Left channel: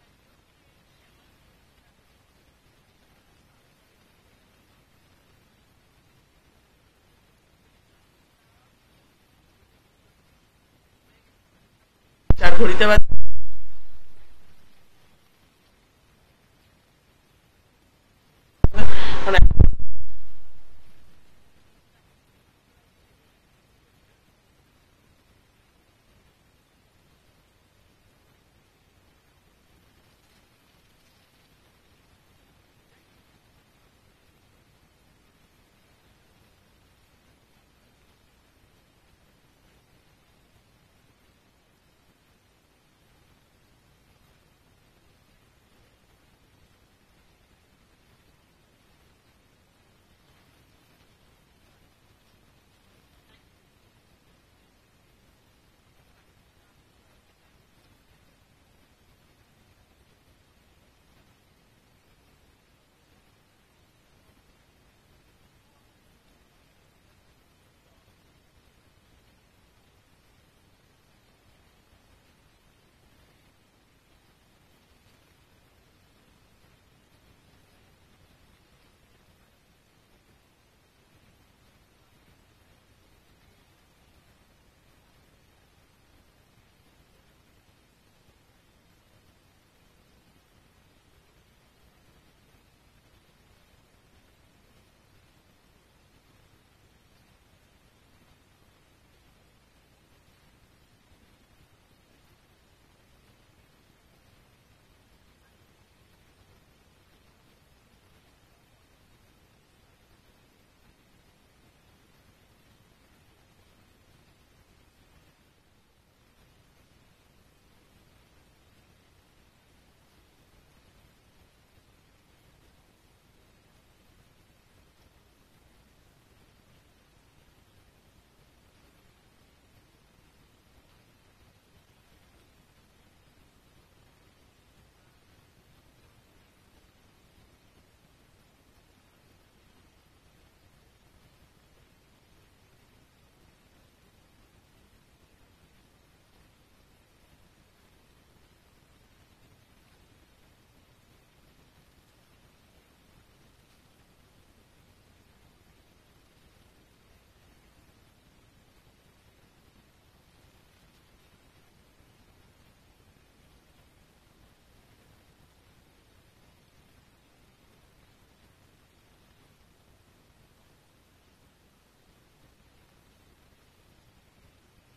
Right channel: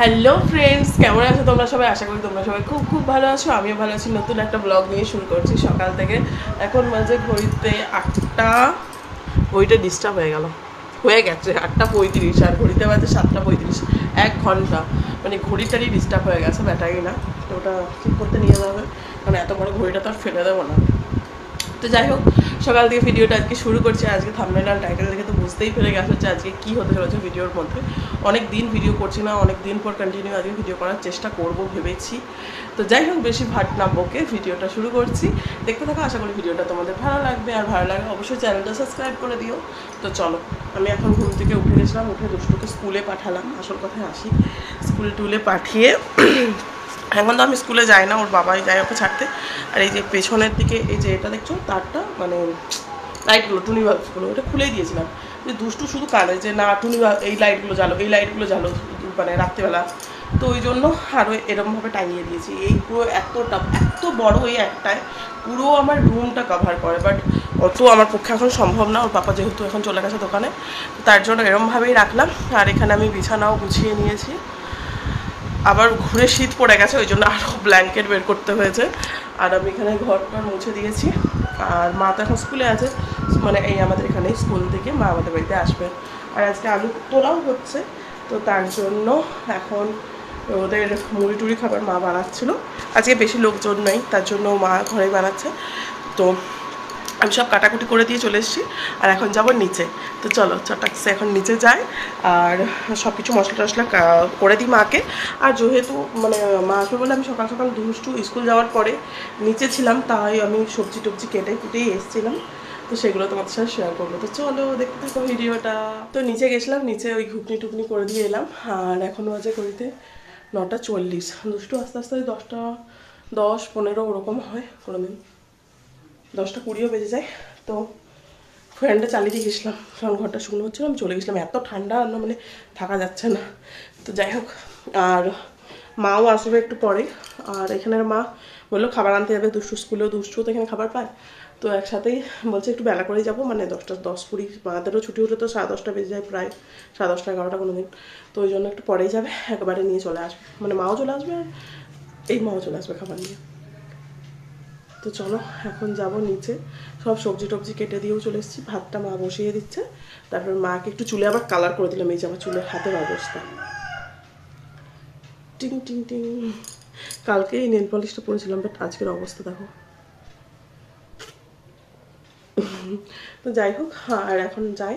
Hello friends, কেমন আছো তোমরা সবাই? আশা করি তোমরা সবাই খুব খুব ভালো আছো। আমিও ভালো আছি। নতুন একটা ব্লগ নিয়ে শুরু করছি সকাল থেকে। এখন মাঝে ঘড়িতে 8টা, ঘড়িটা ডিস্টার্ব হয়ে গেছে 8টা 35, আর ঘড়িতে বাজে 7টা 35। 1 ঘন্টা মানে ঘড়িটারই ডিস্টার্ব হয়ে গেছে, ব্যাটারি না। তো ওটা ঠিক করতে নিয়ে যাবে, কারণ এত বড় ঘড়িটা তো আর ফেলে দেবো না। তো যাই হোক, সকাল থেকে ভিডিওটা আজকে শুরু করছি। আজকে থাম্বনেল আর টাইটেল দেখে তো বুঝতেই পেরে গেছে হচ্ছে আজকে কী হতে চলেছে ভিডিওর মধ্যে। অনেক দিন ভিডিও করছি না, অনেক দিন পর কন্টিনিউ আজকে ভিডিও করার চেষ্টা করব ভেবেছি। তো যাই হোক, বেশি ভাট না বকে ভিডিওটা শুরু করছি। দেখতে থাকো, আশা করি ভিডিওটা তোমাদের ভালো লাগবে। আর ভালো লাগে অবশ্যই চ্যানেলটা সাবস্ক্রাইব করে দিও। তো চলো, আমি এখন ঘুম থেকে উঠে গেছিলাম, উঠে দুষ্টুকে স্কুলে পাঠালাম। আসল কথায় আসি, স্কুল টুলে পাঠিয়ে এখন তো আমি স্কুলে যাই না, ওর বাবাই যায় ওকে ছাড়তে। আর এই যে পেছনের দিকে এই যে এটা দেখছো তারটা, মানে লাইটগুলো, টুনি বাল্বগুলো, ওটা খুলেই দিয়েছিলাম। যে দুষ্টু শুধু কানে যে না টুনি এই লাইটগুলো জ্বালো, এই লাইটগুলো জ্বালো, মানে রাত্রিবেলা। তো ওই জন্য আরও এরকমভাবে টাঙিয়ে দিয়েছি। এই পুরো এত বড় এই একটায় পুরো আমার রুমটা কভার করে, বাট অত আমার পক্ষে এখন সম্ভব না। ওর পাপা যেহেতু এখন চলে গেছে দোকানে, তার জন্য এরমভাবেই রাখলাম। আর এখানে আমি বিছানাও গুছিয়ে নিয়েছি। আবার ঘুরে শীত পড়ে গেছে, ওই জন্য আরও ব্ল্যাঙ্কেট বের করতে হয়েছে। আর আমি এখানে ঘরটা মুছে দিয়েছি। আর মা তো এখন স্কুলে আছে, মানে এই আমাদের এখানে স্কুল থেকে মা আমাদের বাড়িতে আসবে। আর আজকে আলু তোলাও হচ্ছে, তো তার জন্য এখন ওদের মুড়ি টুড়ি খাবার মা বানাচ্ছিল। আজকে বেশি লোকজন নেই, তার জন্য মা ঘরেই বানাচ্ছে। তো আমি সব কাটাকুটি করে দিয়ে চলে এসেছি। আর এখন যাব নিচে। তো চলো চটাকসে এখন নিচে যাই, আর সব কিছু মশলা টশলা করে দিই মাকে। আর যেহেতু মানে মা আসবে বলে আমি সকাল সকাল দুষ্টু স্কুল যাওয়ার পরে নিচে ছিলাম, তাই আমি সবজি টবজি কেটে কুটেই এসেছিলাম। তো সেগুলো তোমাদের সাথে শেয়ার করবো। তো চলো দেখতে থাকো ভিডিওটা। তো নিচে গেছিলাম, নিচে ওই ঘুগনি টুকনি করে দিয়ে এলাম। আর এখন বাজে করিতে 9টা 40। দুষ্টু আস্তে আস্তে 10 15 ওরকম হয় কোনো দিন, 10টা 20ও বেজে যায়। তো ফ্যানটা চালিয়ে দিয়ে গেছিলাম, কারণ ঘরটা শুকনো হচ্ছিলো। আমি চলে গেছিলাম, এত ঠান্ডা মানে থাকা যাচ্ছে না। তো যাই হোক, আর মাও আসবে একটু পরে। আর এখানের মা বললো খাবার আনতে যাবে, দুষ্টু স্কুলেও, দুষ্টু তো এখানে খাবার পায়। তো একসাথেই বলছে একটু বেলা করেই যাবো, মানে 10টা 10 20, মাদেরও ছুটি হলে তো 10:30 বেজে যায় প্রায়, 10:30 11টা কোনো দিন। তো ওই জন্য একটু পরেই যাবে, একবারে নিয়ে চলে আসবে, মানে মাও চলে আসবে আর এই মাও চলে আসবে খাবার নিয়ে। তো চলো এখন যাব নিচে। সব সবজি টবজি কেটে দিয়েও চলে এসেছি, ভাতটা মা বসিয়ে দিচ্ছে। তারপর মাকে একটু চুলে আবার কালার করে দিলাম, এই যে আমার চুলের হাতের অবস্থা, টিং টিং টিং। কালকে এই নেল পলিশটা পরেছিলাম, বাট আজকের অবস্থা দেখো। তো যাই হোক, আর এখন যাই।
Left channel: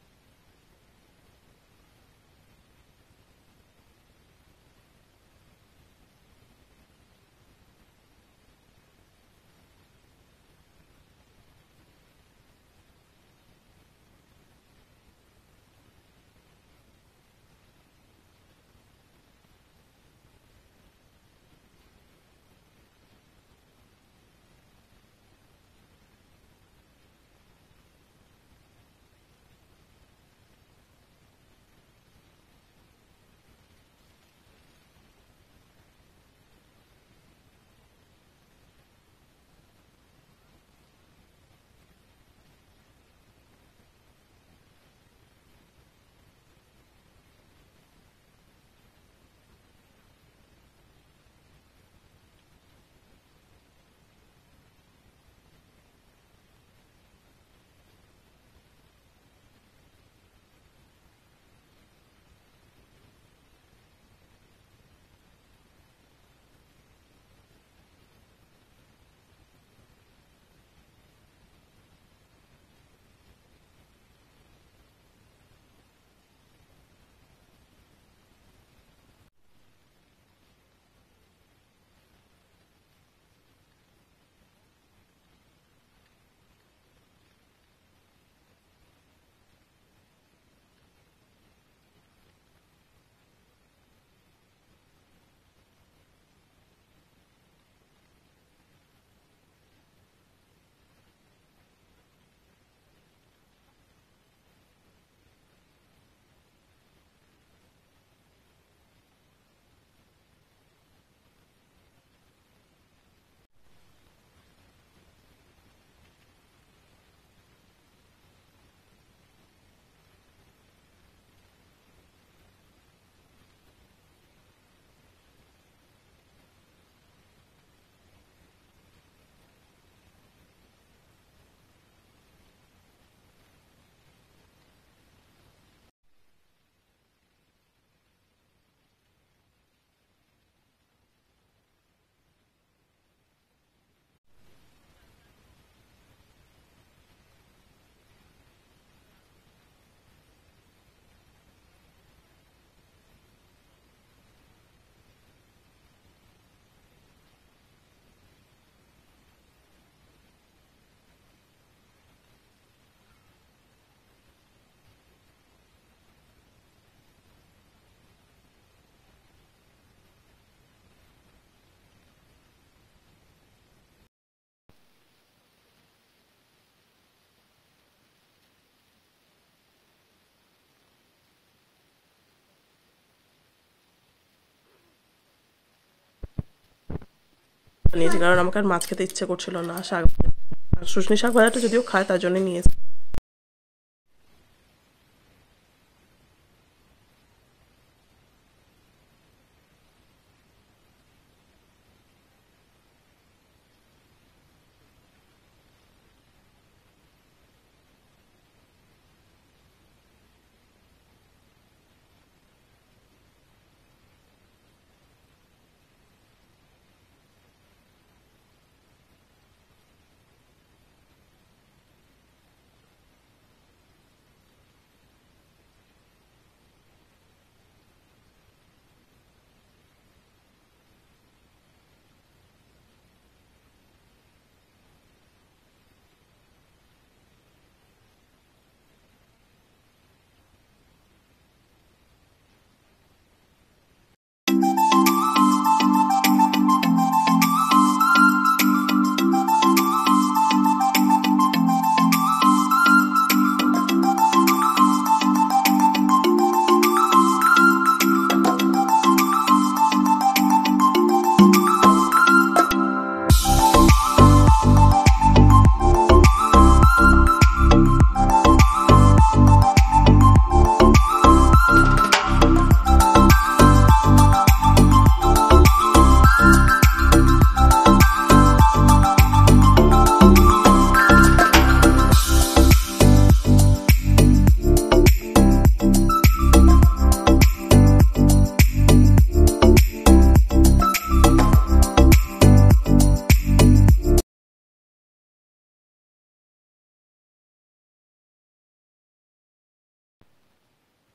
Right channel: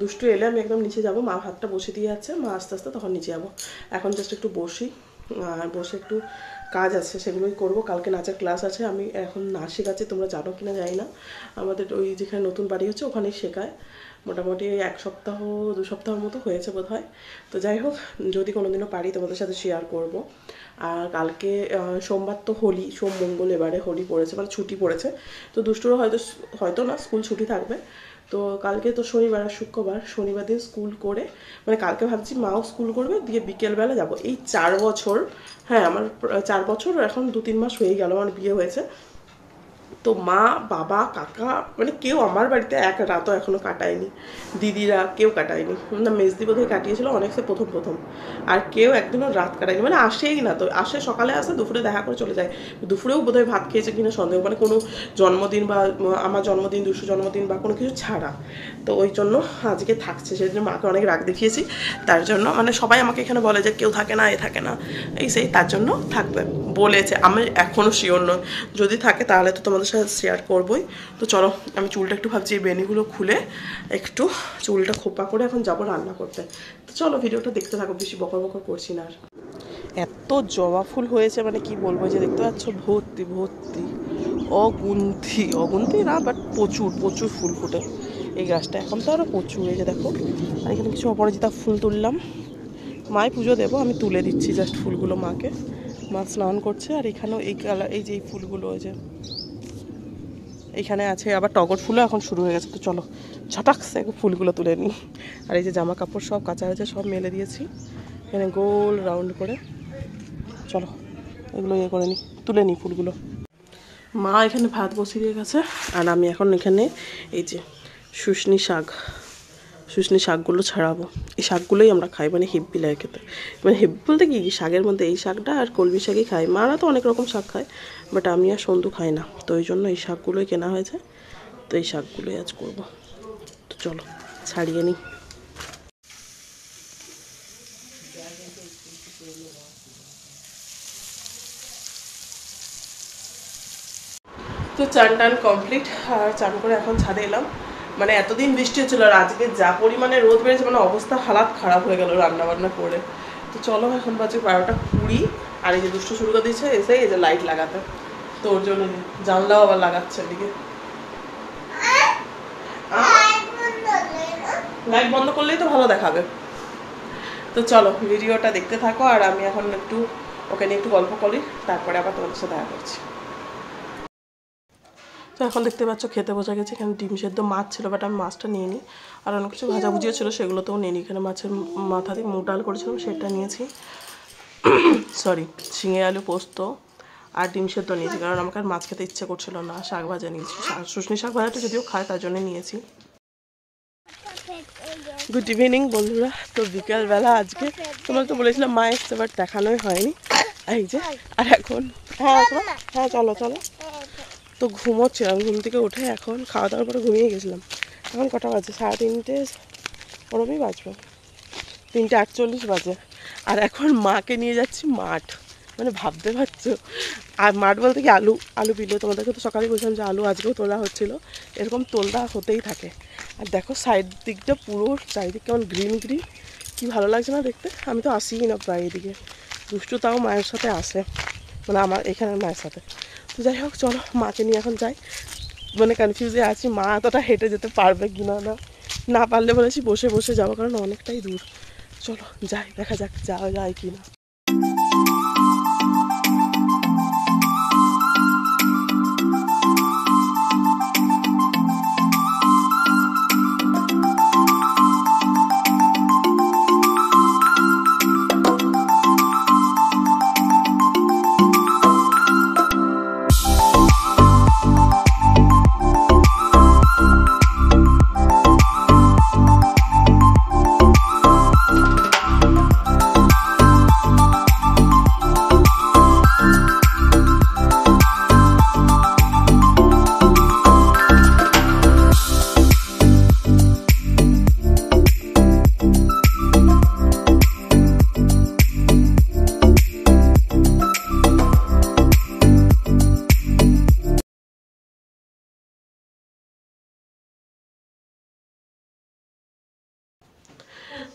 দুষ্টু এলে আমি একদম নিচে যাব, মা ভাতটা বসে দিয়ে যাচ্ছে, মা আস্তে আস্তে তখন নিচে যাবো। এখন জাস্ট একটু বসি, আর বসে একটু কাজ আছে সেগুলোই করব। কালকে নাচের ক্লাস আছে, আমি এখন নাচ শেখাচ্ছি, তোমরা জানো কিনা জানি না। আমাদের ওই যেখানে নতুন বাড়ি হচ্ছে ওখানেই শেখায়। মোটামুটি 1 সপ্তাহ 2 সপ্তাহের মতো হয়েছে বোধ হয়। তো যাই হোক, যদি কোনোদিনও পারি তোমাদের সাথে শেয়ার করব। আর কালকে সোমবার তো হোলি, সোম মঙ্গল এবারে হোলি পড়েছে, মানে ছুটি পড়েছে। তো দুষ্টুরও হয়তো হয়তো না, স্কুল ছুটি থাকবে। তো কালকে তো শনিবার আর শুক্রবার, শনিবার দিন স্কুল করে, মানে কালকে ভাবছি মাও স্কুল করবে, দিয়ে বিকেলবেলা যাব। এই 4 বছর, হ্যাঁ আমার 4 বছর, এখন 2-3 মাস হয়েই গেল আমার বিয়ে হয়েছে। তো মা বাবা কাকা মানে কেউ আমার বাড়িতে এক রাতও এখনো কাটায়নি, দিদিরা কেউ কাটায়নি না। মেজদি বোধহয় কাটিয়েছিল অনেক, সে প্রথম প্রথম। আর কেউ একদিনও রাত কাটায়নি, মানে আসেই না। তো আসে সকালে, আসে দুপুরে দেখা করে চলে যায়। দুপুরেও বোধহয় ভাত খেয়েছে কিনা সন্দেহ, মানে কোনো জন্মদিন বা আমার জন্মদিন, দুশো জন্মদিন বা কোনো কিছু ছাড়া। তো ওই জন্য আজকে থাকছে, সেই জন্য মাকে অনেক রাগ দেখিয়েছি। তার জন্য মানে সবাই আমাকে এখানে বলে যে কেউ থাকে না, এ থাকে না, এই সেই, তার জন্য থাকবে বলেছে। আমি এখনও শিওর নই, যদি থাকে তাহলে তো তোমাদের সাথে শেয়ার করবোই। তো চলো, আমি চুলটা একটু ভাবছি এই বেনিগুলো খুলে একটু চুলটা খোপা করে এখন যাবো রান্না করতে। তো চলো ভিডিওটা দেখতে থাকো, বেশি বকর বকর করছি না আর। এত জবা ফুল হয়েছে, মানে কি বলবো, যে দেখতে পাচ্ছ ভর্তি ভর্তি, অগুন্তি অগুন্তি না, বাট প্রচুর প্রচুর ফুল ফুটে এই গাছটা। এখন তো আরও প্রচুর, এই যে দেখো। আর এখানে কিছু অপরাজিতা ফুল তুললাম, মায় পুজো দেবো, আমি তুলে দিচ্ছি জাস্ট ফুলগুলো মাকে। মা স্নান করছে। আর এখানেও এই কালার, এই যে এই ফুলগুলো, ওই যে এইখানে আছে আবার টগর ফুলও এখন শুরু হয়ে গেছে। তো চলো ছটাকসে ফুলগুলো তুলে নিই। আর এই যে জামা কাপড় সব কাঁচা হয়েছে, সব মেলে দিয়েছি এখানে গোল রাউন্ড করে। চলো এগুলো ইয়ে করে নিই, তুলে নিই ফুলগুলো। মা এখানে ভাত বসিয়ে দিয়ে গেছে, আর আমি এখন এখানে এই যে শুশনি শাক, শুশনি শাকগুলো ছাড়াবো। এই শাকগুলোই আমরা খাই, মানে হেব্বি লাগে খেতে। মানে হেব্বি বলতে কি, শাকের মধ্যে এই শাকটা আর কলমি শাকই খাই। মারা তো অনেক রকম শাক খায়, বাট আমি আর সন্ধু খাই না, তো ওই জন্য এই শাকগুলোই কেনা হয়েছে। তো এই শাকগুলোই আজ করবো। তো চলো ছাড়িয়ে নিই। তো চান টান কমপ্লিট, আর চান করে এখন ছাদে এলাম। মানে এতদিন বৃষ্টি হচ্ছিল, আর আজকে যা পরিমাণে রোদ বেড়েছে, মানে অবস্থা হালাত খারাপ হয়ে গেল রান্না বান্না করে। তো চলো এখন বাজে 12:20, আর এই যে দুষ্ট শুরু করে দিয়েছে এসে এই যে লাইট লাগাতে। তো ওর জন্য জানলাও আবার লাগাচ্ছে এদিকে। লাইট বন্ধ করলেই তো ভালো দেখাবে। তো চলো ভিডিওটা দেখতে থাকো, আর আমি এখন একটু ওকে নিয়ে একটু গল্প করি, তারপরে আবার তোমাদের সাথে দেখা করছি। তো এখন দেখতে পাচ্ছ খেতে বসে গেছে। এখানে ডিম সেদ্ধ, মাছ ছিল, বাট আমি মাছটা নিয়ে নিই। আর অনেক কিছু ভাজাভুজিও ছিল, সেগুলোতেও নিয়ে নিই। এখানে মাছের মাথা দিয়ে মুগ ডাল করেছিলাম, সেটা নিয়েছি। সরি, ঝিঙে আলু পোস্ত আর ডিম সেদ্ধ নিয়েছি, কারণ আমাকে আর মাছ খেতে ইচ্ছে করছিল না। শাক ভাজা নিয়েছি, শুশনি শাক ভাজাটা যদিও খায়, তার জন্য নিয়েছি। গুড ইভিনিং বন্ধুরা। তো বিকেলবেলা আজকে তোমরা তো বলেছিলাম মা এসছে, বাট দেখানোই হয়নি। এই যে, আর এখন হ্যাঁ চলো চলো। তো ঘুমোচ্ছিলাম, ঘুম থেকে উঠে এখন খাওয়া দাওয়ার পরে ঘুমিয়ে গেছিলাম। এখন কটা বাজে? 3:30 ওরমই বাজবে, 3:48 বাজে। আর এখন মাকে নিয়ে যাচ্ছি মাঠ, মানে ভাবতে পারছো। আর মাঠ বলতে কি, আলু আলু বিলে। তোমাদেরকে তো সকালে বলছিলাম যে আলু আজকেও তোলা হচ্ছিলো, এরকম তোলা হতেই থাকে। আর দেখো সাইড দিকটা পুরো চারিদিক কেমন গ্রিন গ্রিন, কি ভালো লাগছে না দেখতে। আমি তো আসিই না প্রায় এদিকে, দুষ্টু তাও মায়ের সাথে আসে, মানে আমার এখানের মায়ের সাথে। তো যাই হোক চলো মাকে নিয়ে এখন যাই। মানে কনফিউজে আছি, মা এতটা হেঁটে যেতে পারবে কি না। না পারলে বলেছি বসে বসে যাবো, কারণ অনেকটাই দূর। চলো যাই, দেখা যাক যাওয়া যায় কি না।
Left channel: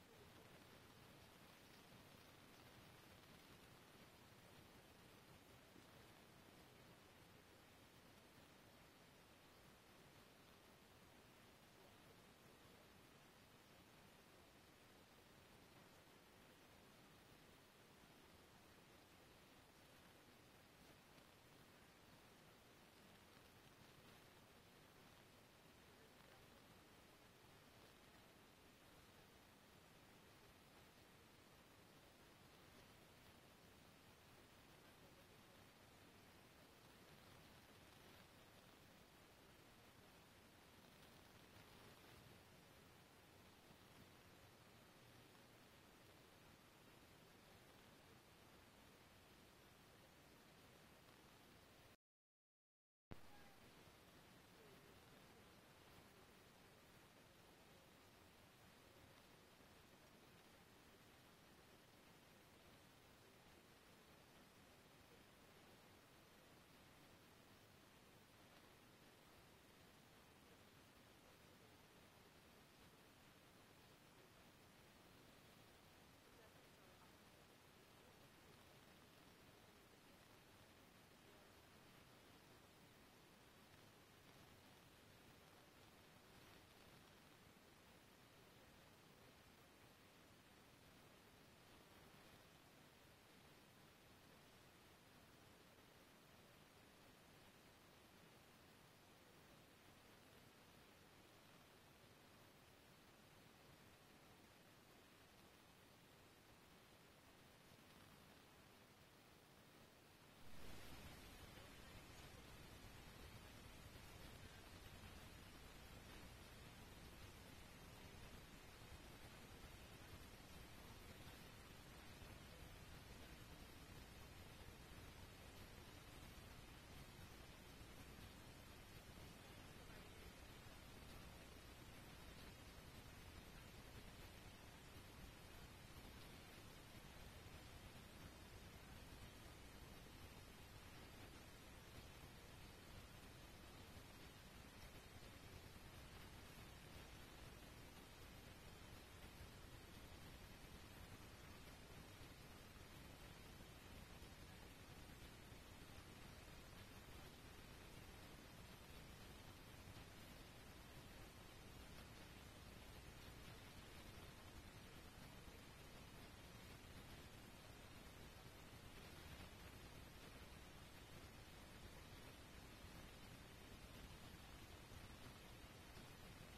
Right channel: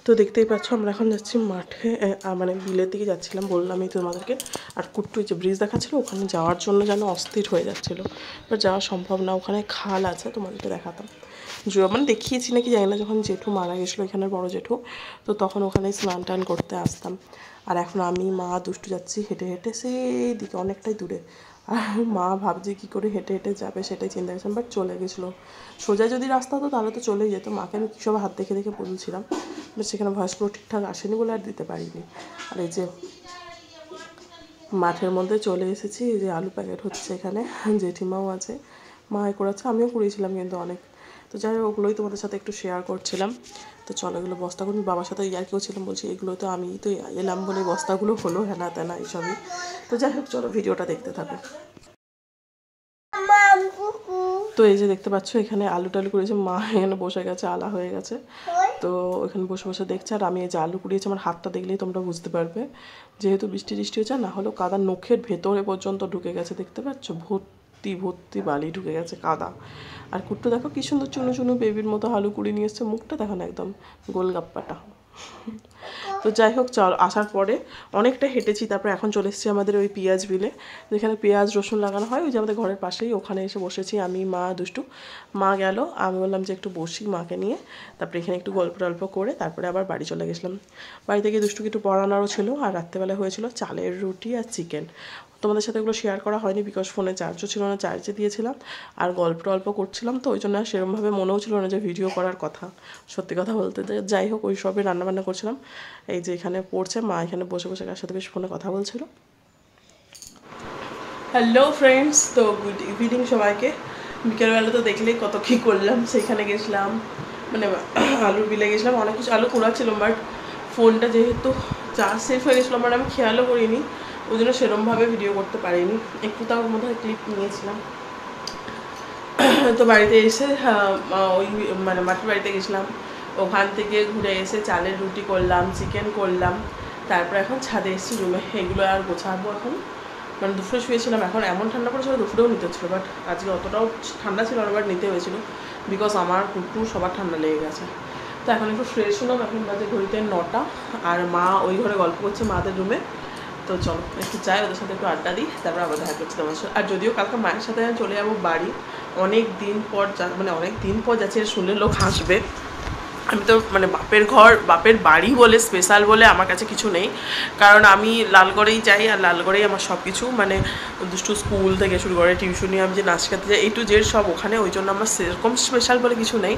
তো দেখতেই পাচ্ছ আমরা এখন যাচ্ছি মাঠে, মানে বিলের দিকে যাচ্ছিলাম, বললামই তোমাদেরকে। আর কুট্টু যে ব্রিজ দেখাচ্ছিল, ওখানে যাওয়ার জন্য যেন অস্থির হয়ে যাচ্ছিলো, বাট যাওয়া সম্ভব না। ওখানে খাল আছে, তোমাদেরকে দেখাতাম। মানে দেখিয়েছি নাকি জানি না, যখন জেঠু মারা গেছিলো এখানের বড় জেঠু, তো তখন ওখানে স্নান টান করতে আসতাম। আর এখন আমি মা দুষ্টু যাচ্ছি হেঁটে হেঁটে সেই দিকে, অনেকটাই দূরে। আর মা ভাবছে কী করে হেঁটে হেঁটে যাবে, সেটাই চিন্তা করছিলাম, বাট চলে গেছিলো। সোজা যদি রাস্তা হতো তাহলে তো চলেই যেত। মাকে আমি কী সব হাত দেখে দেখে বলছিলাম, বাট সেখানে ভয়েসগুলো ঠিকঠাক আসেনি বলে আর দিতে পারিনি। আর এই যে মাঠের মধ্যে চলে এসেছি, এই যে আলু প্যাকেট হচ্ছে এখানে, জেঠিমাও আছে, মা করেছে, আমিও করেছিলাম কিন্তু অনেক। তো যাই হোক, ওগুলোই তোমাদের সাথে একটু শেয়ার করছিলাম। তো চলো এগুলো বস্তাগুলো, বাবার সাথে ইয়ার কেউ ছিলাম, বলছি এগুলো তো আমি তো এলাম বলে বস্তাগুলো হলো, হেনা তেনা এইসবই। তো যাই হোক চলো ভিডিওটা দেখতে থাকো। তো এই যে দেখতে পাচ্ছ এখানে আলু টালু করেছে, মা এখানে বসে গেছে, আলা হয়ে গেছে। তো এখানে বসে বসে দেখছে, আর আমি এই যে আলু কুড়িয়েছি, আমার হাতটা দেখলেই তোমরা বুঝতে পারবে, যেহেতু বৃষ্টি টিষ্টি হচ্ছে, না হলেও কাদা নখের ভেতরে পর্যন্ত ঢুকে গেছে। দেখতে পাচ্ছ ভর্তি ভর্তি বালি ঢুকে গেছে, কাদা। আর কুট্টু দেখো কি সুন্দর চুনো চুনো বেবির মতো আলু কুড়িয়ে নিয়ে এসছে, মুখটা দেখো না একদম গোলগাপ্পাটা। তো যাই হোক চল, আসার পরে অনেকটা হেঁটেছি, তারপরে এখন চলে এসেছি আমাদের ওই পেঁয়াজ বিলে, যেখানে পেঁয়াজ রসুন লাগানো হয়, ওই যে আমাদের ঘরের পাশেই। ওখানে এসে বসেছি আমি, মা, দুষ্টু। মা গেল, আমি বললাম যে একটু বসি মাকে নিয়ে, তারপরে এখানে একটু গল্প টল্প করে তারপরে আবার বাড়ি চলে গেছিলাম। বাড়িতে গিয়ে দুষ্টুকে একটু পড়ানোরও ছিল, আর রাত্রেবেলা হয়েছিল চালের রুটি আর চিকেন। তোমাদের সাথে এগুলো শেয়ার করা হয়নি, বিকজ ফোনে চার্জও ছিল না, চার্জে দিয়েছিলাম। আর গল্প টল্প করছিলাম, তো ওই জন্য আর সেরকমভাবে মনেও ছিল না যে ভিডিও করার কথা, সত্যি কথা বলতে। যাই হোক, ওই সবে রান্নাবান্না করছিলাম। এই যে এখানে পড়ছে মা, এখানে বসে বসে কার সাথে বেশ ফোনে কথা বলছিল। হ্যালো ফ্রেন্ডস, তো গুড ইভিনিং সবাইকে। বিকেলবেলা তো দেখলেই কত কী করলাম, সেখানে গেছিলাম, মানে আলুর বিলে গেছিলাম, অনেক কিছু আলু কুড়াচ্ছিলাম, বাট ফোনটা যেহেতু চার্জ শেষ হয়ে গেছিলো আমার, আমি খেয়ালও করিনি, ওই জন্য সেরমভাবে ভিডিও করতে পারিনি। একটু তার মধ্যে ক্লিপ নিয়েছিলাম। তো বাড়িতে এসে ওই মানে মাটির বাড়িতে গেছিলাম, ওখান থেকে ঘুরে এসে চালের রুটি করলাম, চিকেন করলাম, তারপর এখন ছাদে এসেছি রুমে, এগুলো আর গোছাবো এখন। মানে দুপুরে শুয়েছিলাম, এখন এমন ঠান্ডা পড়েছিল দুপুরেও নিতে হচ্ছিলো, বাট আজকে অতটাও ঠান্ডা ছিল না, বাট নিতে হয়েছিল বিকজ আমার কুটু সবার ঠান্ডা লেগে গেছে। তো এখন একটু ফ্রেশ হলাম, এখন বাজে ঘড়িতে 9টা, আর মা ওই ঘরে গল্প করছে মাদের রুমে। তো চলো একটু যাই, ওদের সাথে একটু আড্ডা দিই, তারপর আবার দেখা করছি তোমার সাথে। আর যদিও কালকে মায়ের সাথে আমি চলে যাবো বাড়ি, অনেক দিন পর মানে অনেক দিন পর যাচ্ছে, শুনলে লোক হাসবে। আমি তো মানে বাপের ঘর বাপের বাড়ি বলে স্পেশাল বলে আমার কাছে কিছু নেই, কারণ আমি লালগড়েই যাই, আর লালগড়েই আমার সব কিছু, মানে দুষ্টু স্কুল থেকে শুরু করে টিউশনি, আমি যে নাচ শিখাতে যাই, A to Z সব ওখানে, ওই জন্য আমার সেরকম স্পেশাল বলে কিছু নেই।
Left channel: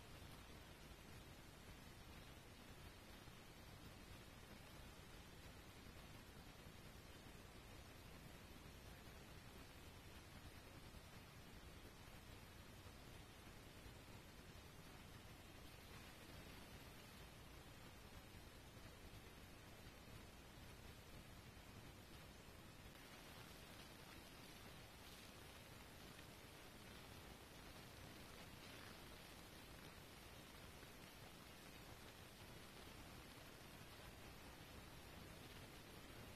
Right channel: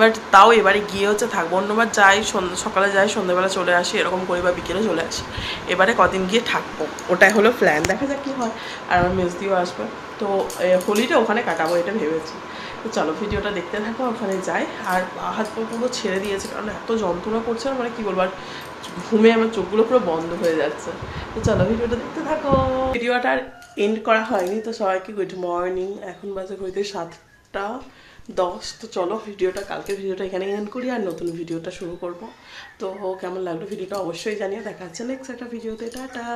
বাট তাও এবারে গিয়ে হচ্ছে থাকবো, অন্যবার যাই সকালে যাই সন্ধ্যেবেলা চলে আসি এরকম করি, বা বিকেলে চলে আসি, এবারে কদিন গিয়ে থাকবো, ওটাই হলো প্ল্যান, দেখা যাক কী হয়। আর আমার মেজদিও আসবে, তো হোলিটা ওখানে কাটাবো এটা ভেবেছি। তো চলো ভিডিওটা দেখতে থাকো, ওখানে যাই। আর হাত পা পুরো ছেড়ে দিয়েছে, কারণ এত যন্ত্রণা করছে না, মানে কী বলবো, আর ঘুমে আমার চোখগুলো পুরো বন্ধ হয়ে যাচ্ছে। তো চলো ভিডিওটা দেখতে থাকো। ভিডিওটা আর এন্ড করা হয়নি, তো সবাইকে গুড মর্নিং। এখন বাজে ঘড়িতে 7:10। তো চলো ভিডিওটা, কালকের ভিডিওটা এখানে এন্ড করি, আর নতুন ভিডিওটা শুরু করব। তো কেমন লাগলো ভিডিওটা অবশ্যই জানিয়ে, দেখা হচ্ছে নেক্সট একটা ভিডিওতে, টাটা।